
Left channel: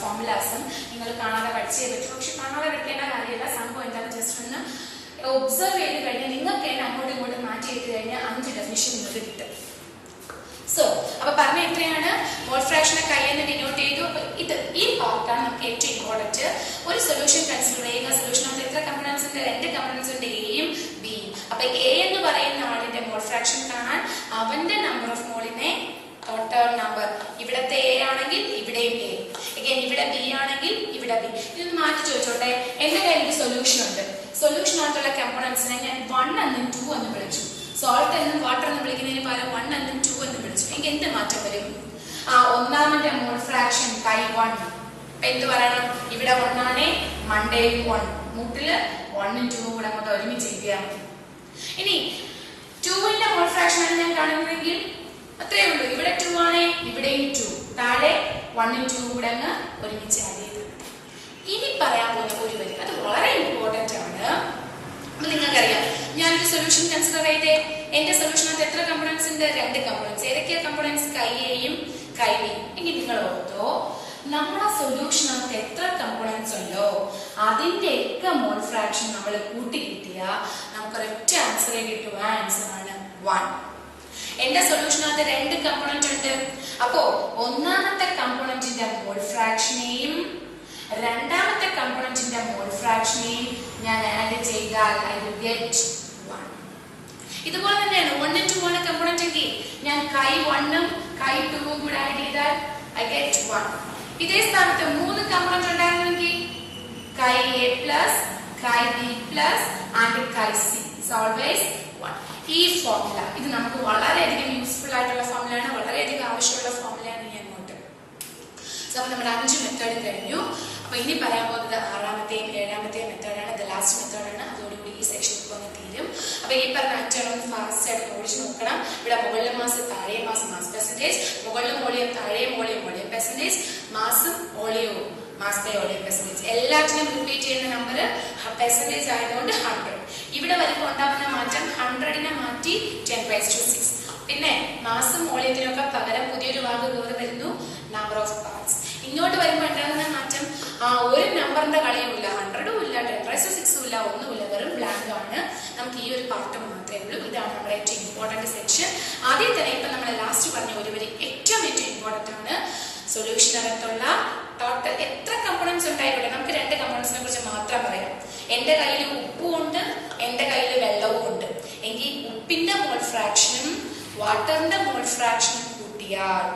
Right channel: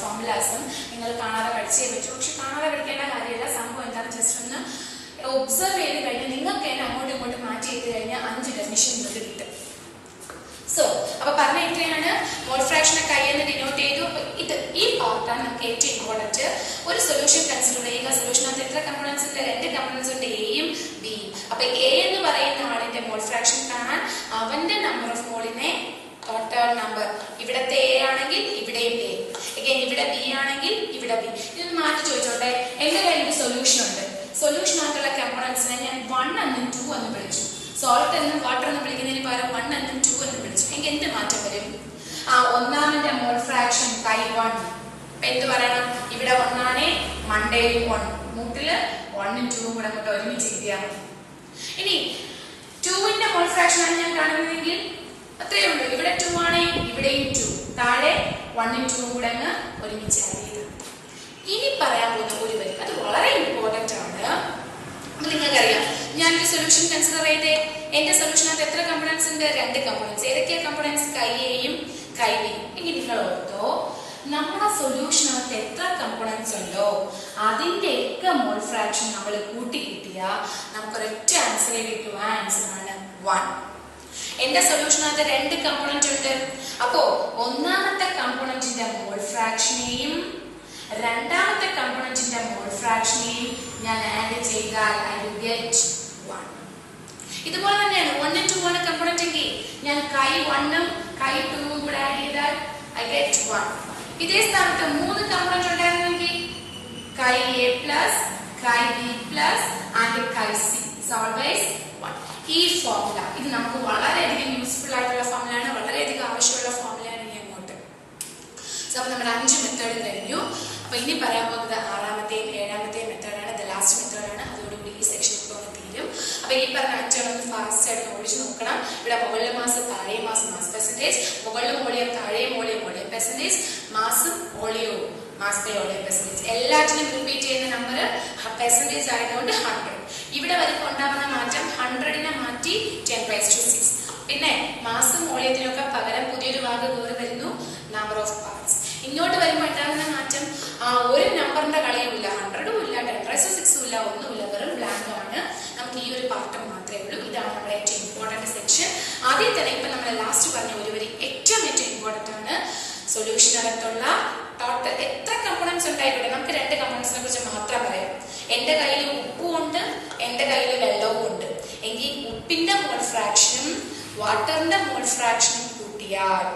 ഫോർമുലാസും നിങ്ങൾ കാണാതെ പഠിച്ചേ പറ്റൂ. പക്ഷെ കാണാതെ പഠിക്കേണ്ട കാര്യമില്ല. സംഭവം എന്താണെന്ന് ജസ്റ്റ് ഒന്ന് ഒബ്സർവ് ചെയ്ത് കഴിഞ്ഞാൽ നിങ്ങൾക്ക് തന്നെ അങ്ങോട്ടും ഇങ്ങോട്ടും മാറ്റി ചെയ്ത് കഴിഞ്ഞാൽ 5 ഡെഫിനിഷൻ നിങ്ങൾക്ക് കിട്ടും. സോ അപ്പൊ പറഞ്ഞ എത്രയാണ്? മോൾ ഫ്രാക്ഷനെ കൈയെന്ന് ഡിനോട്ട് ചെയ്തു. അപ്പൊ ഈ പാർട്ടാണ് നമുക്ക് ഏറ്റവും ഇമ്പോർട്ടന്റ്. ഒരു സൊല്യൂഷൻ കൺസിഡർ ചെയ്യുക. സൊല്യൂഷനകത്ത് എത്ര കമ്പോണൻസ് ഉണ്ട്? 2 കമ്പോണൻസ് ഉണ്ട്, എയും ബിയും. അപ്പൊ എ എന്ന് പറയുന്ന ആളിന്റെ മോൾ ഫ്രാക്ഷൻ കാണാൻ അവന്റെ നമ്പർ ഓഫ് മോളിനെ ടോട്ടൽ നമ്പർ, ഇവിടത്തെ എ ആണെങ്കിൽ ഇവിടെയും എ, ഇവിടെ ബി ആണെങ്കിൽ ഇവിടെ ബി. ഇത് മാറ്റി ചോദിച്ചോട്ടെ, എന്റെ കയ്യിൽ ഒരു സൊല്യൂഷൻ ഉണ്ട്. സൊല്യൂഷനകത്തുള്ള കമ്പോണൻസിനെ ഞാൻ 1 എന്നും 2 എന്നും വിളിച്ചു. സോൾട്ട് എന്നും വാട്ടർ എന്നും വിളിക്കുന്നതിന് പകരം 1 എന്നും 2 എന്നും വിളിച്ചു. എനിക്ക് എന്ത് മാറ്റം വരും? ഒന്നാമന്റെ മോൾ ഫ്രാക്ഷൻ കൈ 1. എന്ത് പറയണം? ഇവിടെ 1 ആണേ, മണ്ടയിൽ 1, മുട്ടില് 1ഉം 2ഉം കൂടെ അങ്ങോട്ട് ഒരുമിച്ച് എഴുതിയാൽ മതി. ഇനി 2ന്റെ മോൾ ഫ്രാക്ഷൻ ആണ് ഞാൻ കാണുന്നതെങ്കിൽ അത്രയേ ഉള്ളൂ. ഇവിടെ 2 ആണേ, ഇവിടെയും 2, താഴെ 1ഉം 2ഉം കൂടെ അങ്ങ് ഒരുമിച്ച് ആഡ് ചെയ്ത്. ഇനി പറയാൻ പോകുന്ന ഒരു വരി, അത് വളരെ ഇമ്പോർട്ടന്റ് ആണ്. നിങ്ങൾക്കറിയാം, ഞാൻ ഈ സൊല്യൂഷൻ കൺസിഡർ ചെയ്തേ. എന്റെ സൊല്യൂഷനകത്ത് എത്ര കമ്പോണൻസ് ഉണ്ട്? 2 കമ്പോണൻസ്. ഏതൊക്കെയാ കമ്പോണൻസ്? കൈ എയും കൈ ബിയും. എങ്കിൽ നിങ്ങൾ ഓർത്തോ, നമ്മുടെ സൊല്യൂഷനകത്ത് എത്ര കമ്പോണൻസ് ഉണ്ടോ അതിന്റെ ഒക്കെ മോൾ ഫ്രാക്ഷൻ നമ്മൾ കൂട്ടി കിട്ടിയാൽ നമുക്കൊരൊറ്റ ആൻസറേ കിട്ടുക. ആൻസർ ആണ് 1. എന്റെ സൊല്യൂഷനകത്ത് 2 കമ്പോണന്റ് ഉണ്ട്. അപ്പോ ഒന്നാമത്തെ കമ്പോണന്റിന്റെ മോൾ ഫ്രാക്ഷനെയും രണ്ടാമത്തെ കമ്പോണന്റിന്റെ മോൾ ഫ്രാക്ഷനെയും ഞാൻ ആഡ് ചെയ്താൽ ഐ വിൽ ഗെറ്റ് 1. ഇതുപോലെ തന്നെയാണ് 1 and 2 ആണ് കമ്പോണന്റ് എങ്കിൽ ഞാൻ കൈ 1 ഉം കൈ 2 ഉം കൂടെ ആഡ് ചെയ്താൽ ഐ ഗെറ്റ് 1. ഇതേ സ്ഥാനത്ത് 3 കമ്പോണന്റ് ഉണ്ടായിരുന്നെങ്കിൽ കൈ A പ്ലസ് കൈ B പ്ലസ് ആൻഡ് കൈ C is always 1. ഈ ഫോർമുല ഇത് നമുക്ക് വളരെയധികം യൂസ്ഫുൾ ആയിട്ടുള്ള ഫോർമുലയാണ്, വളരെയധികം ആവശ്യമുള്ള ഫോർമുലയാണ് ഇനി അങ്ങോട്ട്. സോ അപ്പൊ നമ്മൾ 5 മെത്തേഡ് കഴിഞ്ഞു. അപ്പൊ ഇനി പറയാൻ പോകുന്നത് 6ാമത്തെയും 7ാമത്തെയും മെത്തേഡാണ്. ഇത് ലാസ്റ്റ് മെത്തേഡാണ്. അതോടുകൂടി ഈ സെക്ഷൻ ഇപ്പോൾ തീരും. അപ്പൊ ഈ പറഞ്ഞ മെത്തേഡൊന്ന് ഫാസ്റ്റ് ആയിട്ട് ഓടിച്ച് നോക്കണം. ഇവിടെ മുകളിലെ മാസം താഴെ മാസം മാസ് പെർസെന്റേജ്, മുകളിലും വോളിയം താഴെ വോളിയം വോളിയം പെർസെന്റേജ്, മാസും വോളിയവും മാസ് ബൈ വോളിയം പെർസെന്റേജ്. എല്ലാത്തിനും റിപ്പീറ്റ് ചെയ്യുന്ന നമ്പർ പെർസെന്റേജ് ആയതുകൊണ്ട് 100. ഇവിടെ വരുമ്പോൾ ഉണ്ടാകുന്ന മാറ്റം 100നെ മാറ്റി 10⁻⁶. പിന്നെ മാസും വോളിയത്തിനൊക്കെ പകരം പുതിയൊരു വാക്ക് കയറി വരുന്നു, നമ്പർ ഓഫ് പാർട്സ്. ഇങ്ങോട്ട് വരുമ്പോൾ ഉണ്ടാകുന്ന മാറ്റം ഒരു നമ്പറിന്റെ കളിയുമില്ല, 100ഉം ഇല്ല, 10⁻⁶ഉം ഇല്ല, ഒന്നുമില്ല, വെറും ബ്ലാങ്ക് ആണ്. നമുക്ക് ഈ ഒരു പാർട്ട് മാത്രമേ ഉള്ളൂ. ഇതാണ് നമ്മുടെ ഏറ്റവും ഇമ്പോർട്ടന്റ് സെക്ഷൻ. ആദ്യം തന്നെ ഇപ്പൊ നമ്മൾ ലാസ്റ്റ് പറഞ്ഞ ഒരു വരി ഏറ്റവും ഇമ്പോർട്ടന്റ് ആണ്. സൊല്യൂഷനകത്തുള്ള ടോട്ടൽ എത്ര കമ്പോണൻസ് ഉണ്ടായിക്കോട്ടെ, നമുക്ക് 2 കമ്പോണൻസിനെ കുറിച്ച് മാത്രം പറയാം. എന്റെ കയ്യിൽ ഉപ്പും ഉണ്ട്, എന്റെ കയ്യിൽ വെള്ളവും ഉണ്ട് എങ്കിൽ ഉപ്പിന്റെ മോൾ ഫ്രാക്ഷനും വാട്ടറിന്റെ മോൾ ഫ്രാക്ഷനും കൂട്ടിയാൽ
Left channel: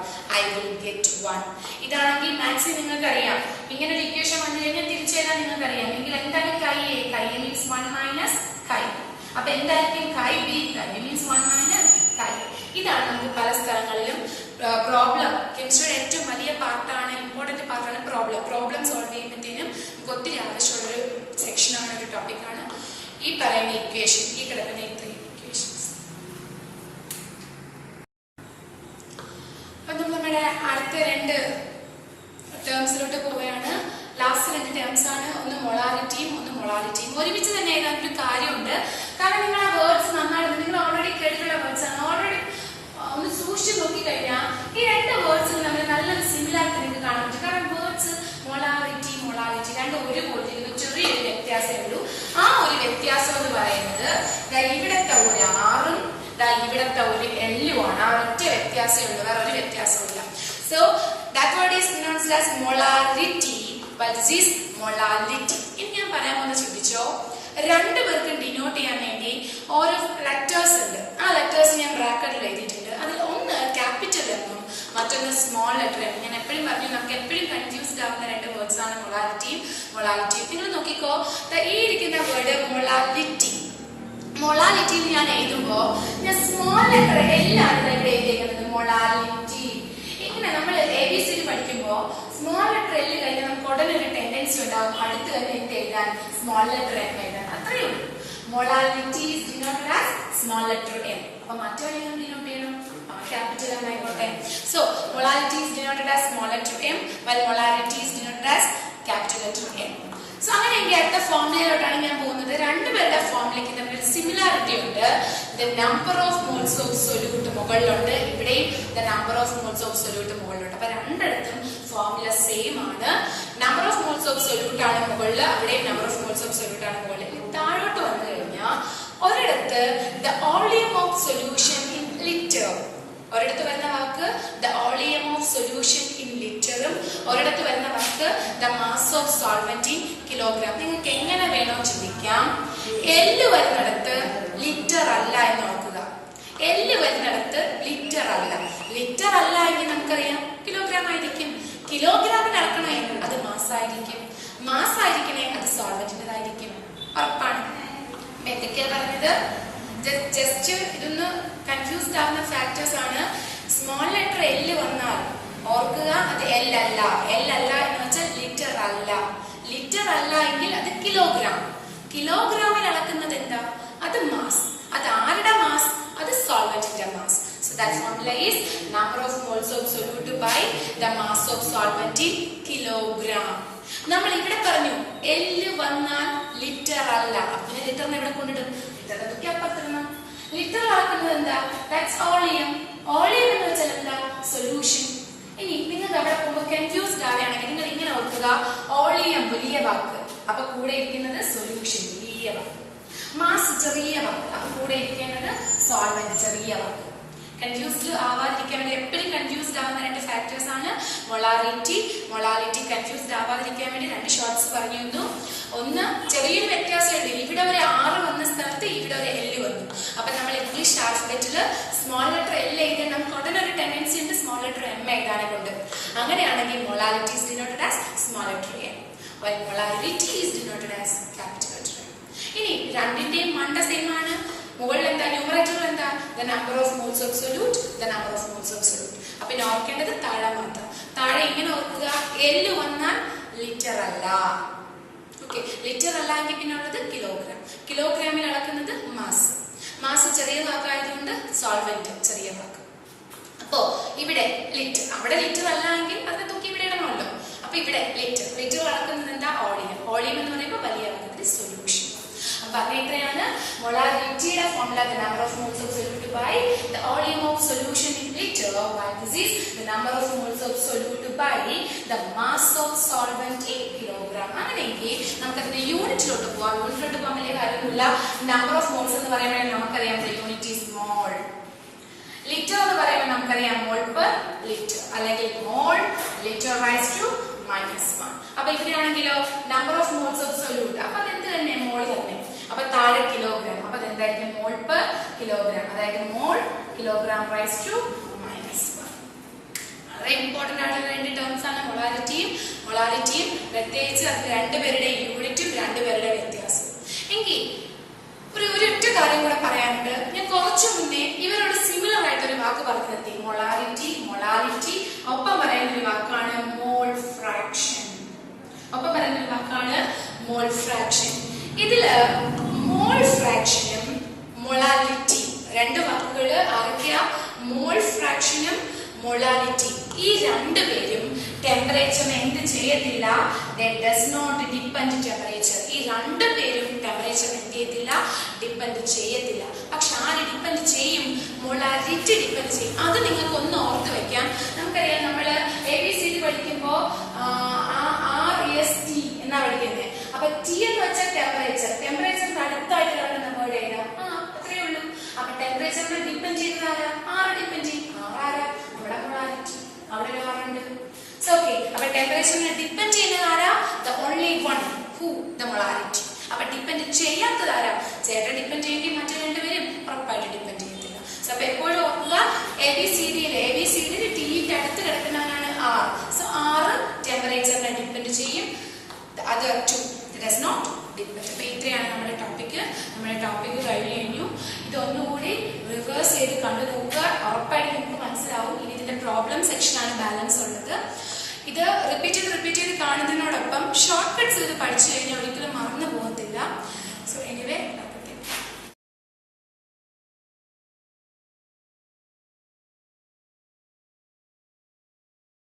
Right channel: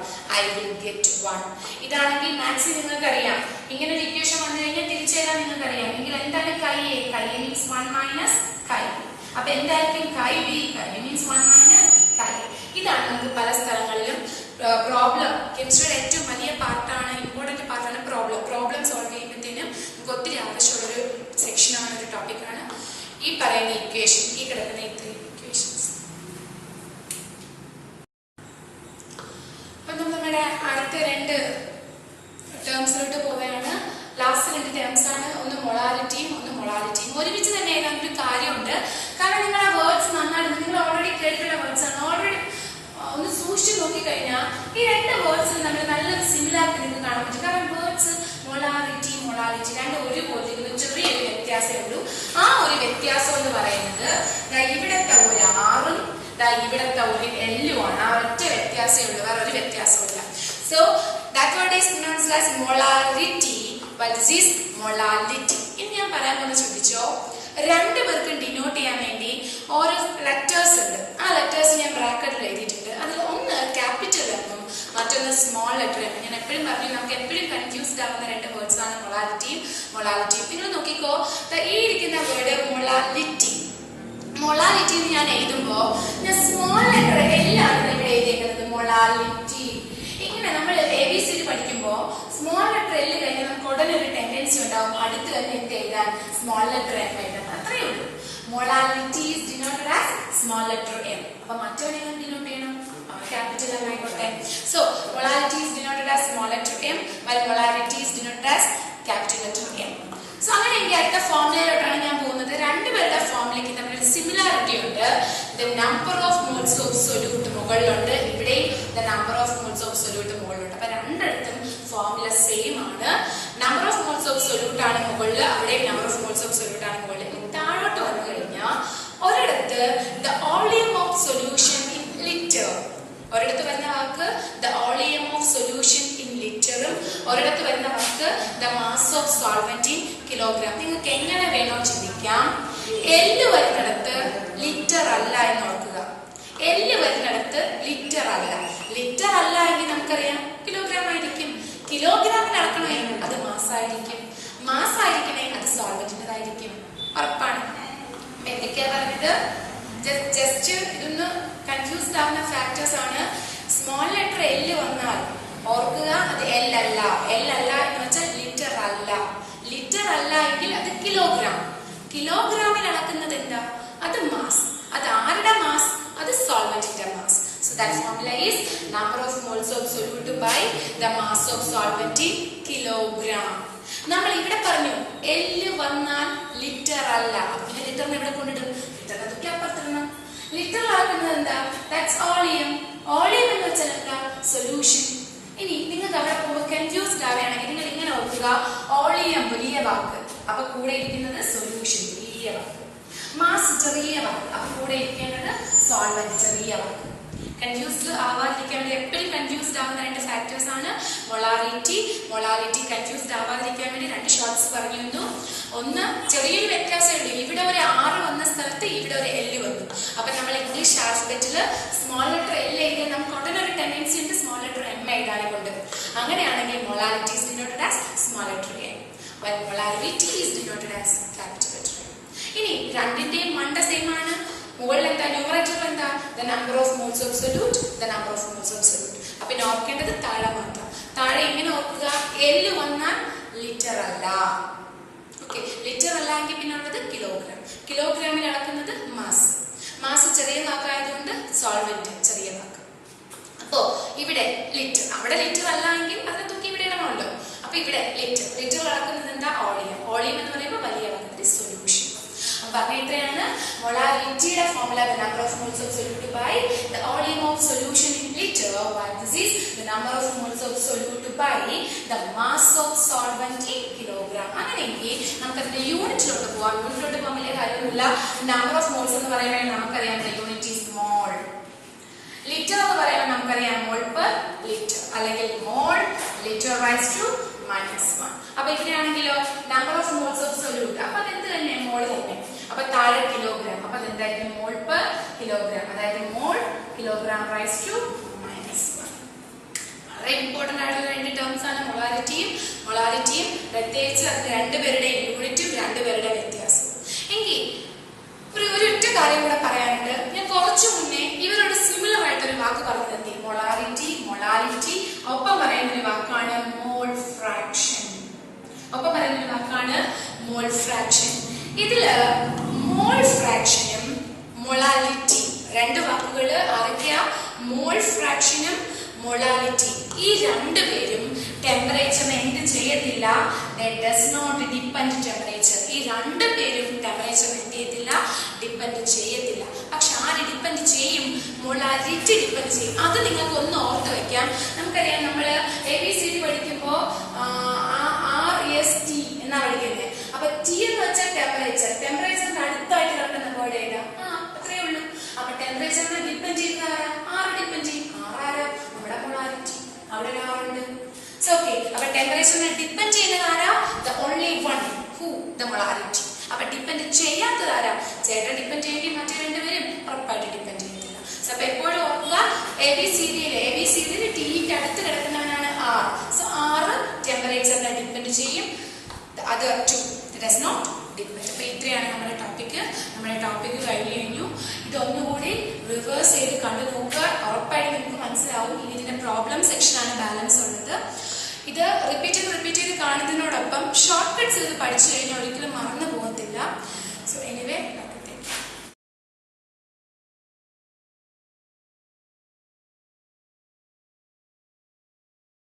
ഐ വിൽ ഗെറ്റ് 1. ഇതാണെങ്കിൽ മാത്സിൽ നിങ്ങൾക്ക് അറിയാം, ഇങ്ങനെ ഒരു ഇക്വേഷൻ വന്നു കഴിഞ്ഞാൽ തിരിച്ചെഴുതാൻ നിങ്ങൾക്ക് അറിയാം. എങ്കിൽ എന്താണ് chi A? Chi A means 1 minus കൈ. അപ്പൊ എന്തായിരിക്കും chi B? Chi B means 1 minus കൈ. ഇതാണ് നമുക്ക് പല സ്ഥലങ്ങളിലും പ്രോബ്ലം, കെമിസ്ട്രിയുടെ ഏറ്റവും വലിയ പാർട്ടാണ്, ഇമ്പോർട്ടന്റ് പാർട്ടാണ് പ്രോബ്ലം സോൾവ് ചെയ്യുമ്പോഴത്തേനും നമുക്ക് ഒത്തിരി ആവശ്യമുള്ള ഒരു സെക്ഷനാണ്, ഒരു ടോപ്പിക്കാണ് ഈ പറയുന്ന ഇക്വേഷൻ, ഈ കിടക്കുന്ന ഇത്രയും ഇക്വേഷൻസ്. അപ്പൊ നമ്മുടെ അടുത്ത 2 ടേംസിലോട്ട് പോവുകയാണ്. ലാസ്റ്റ് 2 ടേംസ് ആണ്, ഒന്ന് മൊളാലിറ്റിയും ഒന്ന് മൊളാലിറ്റിയും. ഒരുമിച്ച് തന്നെ ഏതാണെങ്കിലും കാര്യമുണ്ട്. കാരണം നിങ്ങൾ ആ വേർഡ്സ് നന്നായിട്ട് നിങ്ങൾ ഓൾറെഡി കേട്ടിട്ടുള്ള വേർഡ്സ് ആണ്. ഓൾറെഡി ഒന്ന് സൂക്ഷിച്ചു നോക്കിക്കഴിഞ്ഞാൽ ഈ 2 വേർഡ്സിൽ നമ്മൾ നല്ലൊരു സിമിലാരിറ്റി നിങ്ങൾക്ക് കാണാൻ പറ്റും. കാരണം വേർഡ്സ് മൊളാലിറ്റി രണ്ടും ഒരുപോലെ ചെറിയൊരു വ്യത്യാസമേ ഉള്ളൂ. ആ ഒരു വ്യത്യാസം എന്ന് പറയുന്നത് ഇവിടത്തെ ഒരു ആറും ഇവിടത്തെ ഒരു എല്ലും ആണ്. ആ ഒറ്റ വ്യത്യാസമേ ഉള്ളൂ, വേറെ ഒരു വ്യത്യാസമില്ല. So that word is known as molality, but this is molality. ഇനി ഞാൻ പറയാൻ കൊണ്ട് ശ്രദ്ധിച്ചോ, 2 പേർക്കും ഡിനോട്ട് ചെയ്യാൻ വേണ്ടി ഓരോ ലെറ്റേഴ്സ് ഉണ്ട്. ആ ലെറ്റേഴ്സ് ഞാൻ ബ്രാക്കറ്റിൽ എഴുതിയിട്ടുണ്ട്. അതിൽ ഒന്ന് ക്യാപിറ്റൽ എന്നും മറ്റൊന്ന് സ്മോൾ ലെറ്റർ എന്നും. ഞാൻ എപ്പോഴും പറഞ്ഞു, നമുക്ക് എപ്പോഴും കൺഫ്യൂസ്ഡ് ആവുന്ന 2 വേർഡ്സ് ആണ് മൊളാലിറ്റിയും. നിങ്ങൾ നോക്കിക്കോ, ഈ ഇരിക്കുന്ന വേർഡ് മൊളാലിറ്റി എന്ന് ഞാൻ എഴുതുമ്പോ ഞാൻ സ്മോൾ ലെറ്റർ എല്ലാണ് ഇവിടെ എഴുതിയിരിക്കുന്നത്, മൊളാലിറ്റി. ഇങ്ങനെ നമ്മൾ ABCD പഠിക്കുമ്പോ സ്മോൾ ലെറ്റർ എല്ല് കഴിഞ്ഞാൽ നമുക്ക് ഉടനെ ഒരു ടെൻഡൻസി ഉണ്ടാവും അടുത്ത് തന്നെ എന്ത് എഴുതാൻ, സ്മോൾ ലെറ്റർ എം എഴുതാൻ. അത്രയേ ഉള്ളൂ. Molality is denoted as small letter M. അപ്പൊ മറ്റൊരു ഡിനോട്ട് ചെയ്യണം, ക്യാപിറ്റൽ എം ആയിക്കോട്ടെ. So molality is denoted as small letter M, while molality is denoted as capital letter M. So അങ്ങനെ എനിക്ക് അടുത്ത ഫോർമുലയിലോട്ടാണ് ഞാൻ പോകുന്നത്. 2 പേരുടെ ഫോർമുലയ്ക്ക് തമ്മിൽ സിമിലാരിറ്റി ഉണ്ട്. The number of moles of solute മുകളിലുണ്ട്, ഇവിടെയും the number of moles of solute മുകളിലുണ്ട്. അപ്പൊ 2 ഫോർമുല സെയിം ആണ്. Number of moles of solute ആണ് മുകളിൽ, അവിടെ number of moles of solute ആണ് മുകളിൽ. താഴോട്ട് വന്നു കഴിഞ്ഞാൽ ഒരിടത്ത് the volume of solution in litre, ഒരിടത്ത് വരുന്ന വാക്ക് the volume of solution in ലിറ്ററും, ഒരിടത്ത് വരുന്ന വാക്ക് the mass of solvent in kilogram. നിങ്ങൾക്ക് എങ്ങനെ വേണോ ചിന്തിക്കാം. എല്ല് വരുന്നിടത്ത് ലിറ്റർ അല്ല എന്ന് ഓർക്കുക. എല്ല് വരുന്നിടത്ത് ലിറ്റർ അല്ല എങ്കിൽ നമുക്കറിയാം കിലോഗ്രാം ആയിരിക്കും. കിലോഗ്രാമിൽ അളക്കണമെങ്കിൽ അത് മാസായിരിക്കും അത് സോൾവെന്റിൻ്റെതായിരിക്കും. ഉറപ്പാണ്. എന്തൊക്കെയാ പറഞ്ഞത്? ജസ്റ്റ് ഇതൊന്ന് കൺഫ്യൂസ്ഡ് ആവുന്ന ഫാക്ടേഴ്സ് ആണ്. സ്മോൾ ലെറ്റർ എല്ല് വന്നാൽ ഓർക്കുക അത് എൽ അല്ല എന്ന് വെച്ചാൽ ലിറ്റർ അല്ല എങ്കിൽ അത് കിലോഗ്രാമിൽ അളക്കുന്നത് എന്താ? അത് മാസ്. അത് ആരുടെ മാസ്? അത് സോൾവെന്റിന്റെ mass. So that formula is number of moles of solute by the mass of solvent in kilogram. നമ്മൾ ഇവിടെ പറഞ്ഞു എല്ല് വന്നാൽ ലിറ്റർ അല്ല. പിന്നെ ലിറ്ററിന് ഇവിടെ കൊണ്ടിടും, ലിറ്ററിനെ തൂക്കി അപ്പുറത്തിടണം. ലിറ്റർ അളക്കുന്നത് എന്താ? ദാറ്റ്സ് വോളിയം എന്ന് വെച്ചാൽ എന്താ? സൊല്യൂഷൻ. ഇനി നിങ്ങൾക്ക് അവിടെ പോകുമ്പോൾ കൺഫ്യൂസ്ഡ് ആവുകയാണെങ്കിൽ നിങ്ങൾ ഇങ്ങനെ ഓർക്കുക, വോളിയം വലിയ വാക്ക്, അപ്പൊ കൂടെ ഇരിക്കുന്നത് സൊല്യൂഷൻ വലിയ വാക്ക്. മാസ് ചെറിയ വാക്ക്, അപ്പൊ കൂടെ ഇരിക്കേണ്ടത് സോൾവെന്റ് ചെറിയ വാക്ക്. കൺഫ്യൂസ്ഡ് ആവാതിരിക്കാൻ വേണ്ടി എപ്പോഴും കൺഫ്യൂസ്ഡ് ആവുന്ന 2 ഫാക്ടേഴ്സ് ആണ് മൊളാരിറ്റി. കൺഫ്യൂസ്ഡ് ആവാതിരിക്കാൻ വേണ്ടി 2 ഷോർട്സ് പറഞ്ഞിരുന്നു. ഒന്ന്, ചെറിയൊരു വ്യത്യാസമുണ്ട്. ഇവിടെ ഒരു R വന്ന സ്ഥലത്ത് ഇവിടെ ഒരു L വന്നു. അപ്പൊ നമ്മൾ ഇംഗ്ലീഷ് ആൽഫബറ്റിൽ സ്മോൾ ലെറ്റർ L എഴുതാൻ നമുക്ക് ഉടനെ ഒരു ടെൻഡൻസി ഉണ്ട് സ്മോൾ ലെറ്റർ M എഴുതാനെ കൊണ്ട്. അങ്ങനെയാണെങ്കിൽ molarity is denoted as small letter M, while molarity is denoted as capital letter M. ഇനി രണ്ടിന്റെയും മണ്ട സെയിം ആണ്. മുകളിൽ എന്താ ന്യൂമറേറ്റർ എന്താ? the number of moles of solute, the number of moles of solute. അപ്പൊ ഇനി ഓർക്കേണ്ടത് താഴെ മാത്രം. താഴെ ഇങ്ങനെ ഓർക്കുക, L വന്നാൽ ലിറ്റർ അല്ല. ഓക്കെ, ലിറ്റർ അല്ല എങ്കിൽ പിന്നെ ഉള്ളത് കിലോഗ്രാം. കിലോഗ്രാമിൽ അളക്കുന്നത് മാസ് ചെറിയ വാക്കായതുകൊണ്ട് സോൾവെന്റ് ചെറിയ വാക്ക്. അപ്പോ ഇവിടെ ലിറ്റർ, അവിടെ ലിറ്റർ അല്ല എങ്കിൽ അതിനെ തൂക്കി ഇവിടെ ഇടണമല്ലോ. അപ്പൊ ഇവിടെ ലിറ്റർ അളക്കുന്നത് എന്താ? ഓളിയം എന്ന് പറയുമ്പോൾ വലിയ അളക്കുന്നത് സൊല്യൂഷൻ. അപ്പൊ അങ്ങനെയാണ് മൊളാരിറ്റിയുടെ formula the number of moles of solute by the volume of solution in liter, while this is the number of moles of solute by the mass of solvent in kilogram. അങ്ങനെയെങ്കിൽ നമുക്ക് അതിന്റെ യൂണിറ്റിലോട്ട് പോവാം. യൂണിറ്റിലോട്ട് പോകാൻ വലിയ കാര്യമില്ല. Number of moles എന്ന് പറയുമ്പോൾ നമുക്കറിയാം യൂണിറ്റ് ഈസ് മോൾ. ലിറ്റർ എന്ന് പറയുമ്പോൾ നമുക്കറിയാം മോൾ പെർ ലിറ്റർ, അല്ലെങ്കിൽ മോൾ ലിറ്റർ റൈസ് ടു -1. അപ്പൊ ഇവിടെയാണെങ്കിലോ number of moles of solute, അപ്പൊ അതെന്ത് തന്നെ? മോൾ തന്നെ. അപ്പൊ താഴെ കിലോഗ്രാം, അപ്പൊ അതെന്തായിരിക്കും? മോൾ പെർ കിലോഗ്രാം, അതായത് മോൾ കിലോഗ്രാം റൈസ് ടു -1. വളരെ ഇമ്പോർട്ടന്റ് ആയിട്ടുള്ള 2 ടേംസ് ആണ് മൊളാരിറ്റിയും പ്രത്യേകിച്ച് അത് രണ്ടുപേരുടെയും യൂണിറ്റും രണ്ടുപേരുടെ വ്യത്യാസം. എങ്കിൽ ഒരൊറ്റ കാര്യം കൂടെ പറയാനുണ്ട്. ഞാൻ കുറച്ചു മുന്നേ ഇവരോട് സിമിലർ ആയിട്ടൊരു വാക്ക് പറഞ്ഞു നിർത്തി. മൊളാലിറ്റി ഒപ്പം പറയുന്ന ഒരു വാക്കാണ് മോൾ ഫ്രാക്ഷൻ. ഇതില് മോൾ ഫ്രാക്ഷനും മൊളാലിറ്റി 2 വാക്കുകൾ അറിയാം. മോൾ ഫ്രാക്ഷനും മൊളാലിറ്റി ഈ രണ്ടുപേരും ടെമ്പറേച്ചർ എന്ത് ചെയ്യത്തില്ല? they does not depend temperature. ഈ രണ്ടുപേരും ടെമ്പറേച്ചർ എന്ത് ചെയ്യത്തില്ല? ഡിപ്പെൻഡ് ചെയ്യത്തില്ല. പക്ഷെ ആര് ഡിപ്പെൻഡ് ചെയ്യും? മൊളാരിറ്റി ഡിപ്പെൻഡ് ചെയ്യും. അത് നിങ്ങൾക്ക് ഒന്ന് ഓർത്ത് വെക്കാം. നമുക്കറിയാം, നമ്മള് ABCD പഠിക്കുമ്പോ RST എന്നാ പഠിക്കുന്നത്. അപ്പൊ T എന്ന് വെച്ചാൽ ടെമ്പറേച്ചറിന് അടുത്തായിട്ട് കിടക്കുന്ന വേർഡ് ഏതാ? അത്രയേ ഉള്ളൂ. അപ്പൊ ടെമ്പറേച്ചറിനെ ഡിപ്പെൻഡ് ചെയ്യുന്നത് ആരാ? R ഡിപ്പെൻഡ് ചെയ്യും. ആരാ? നമ്മുടെ മൊളാരിറ്റി. അവിടെ ഒരു R ഉണ്ട്. സോ ഓക്കെ, അപ്പൊ ടെമ്പറേച്ചറിനെ ഡിപ്പെൻഡ് ചെയ്യുന്നത് ആരാ? the only one who, the molarity. അപ്പൊ ഡിപ്പെൻഡ് ചെയ്യാത്തത് ആരാ? ചേട്ടൻ ഡിപ്പെൻഡ് ചെയ്യെങ്കിൽ മറ്റു രണ്ടുപേരും ഉറപ്പായിട്ട് ഡിപ്പെൻഡ് ചെയ്യത്തില്ല. സോ അപ്പൊ എപ്പോഴും ഓർക്കുക, ABCD Tക്ക് അടുത്ത് കിടക്കുന്നവനാണ് R. സോ R ടെമ്പറേച്ചറിനെ ഡിപ്പെൻഡ് ചെയ്യും. the other two does not depend. അപ്പൊ ഇത്രയാണ് നമ്മുടെ ടോപ്പിക് കഴിഞ്ഞു. ഇതൊന്നുകൂടി റിവേഴ്സ് ചെയ്ത് കണ്ടു നോക്കുക. ഉറപ്പായിട്ട് നിങ്ങൾക്ക് മനസ്സിലാവും. ഇനി ഇതിന്റെ പ്രോബ്ലം സെക്ഷനാണ് ബാലൻസ് ഉള്ളത്. ഇത് റിപ്പീറ്റ് ചെയ്ത് കാണുന്നതിനോടൊപ്പം ഷോർട്ട് കട്ട്സ് ഇത് പഠിച്ചു കഴിഞ്ഞാൽ ഒരിക്കലും മറന്നു പോകത്തില്ല. So anyway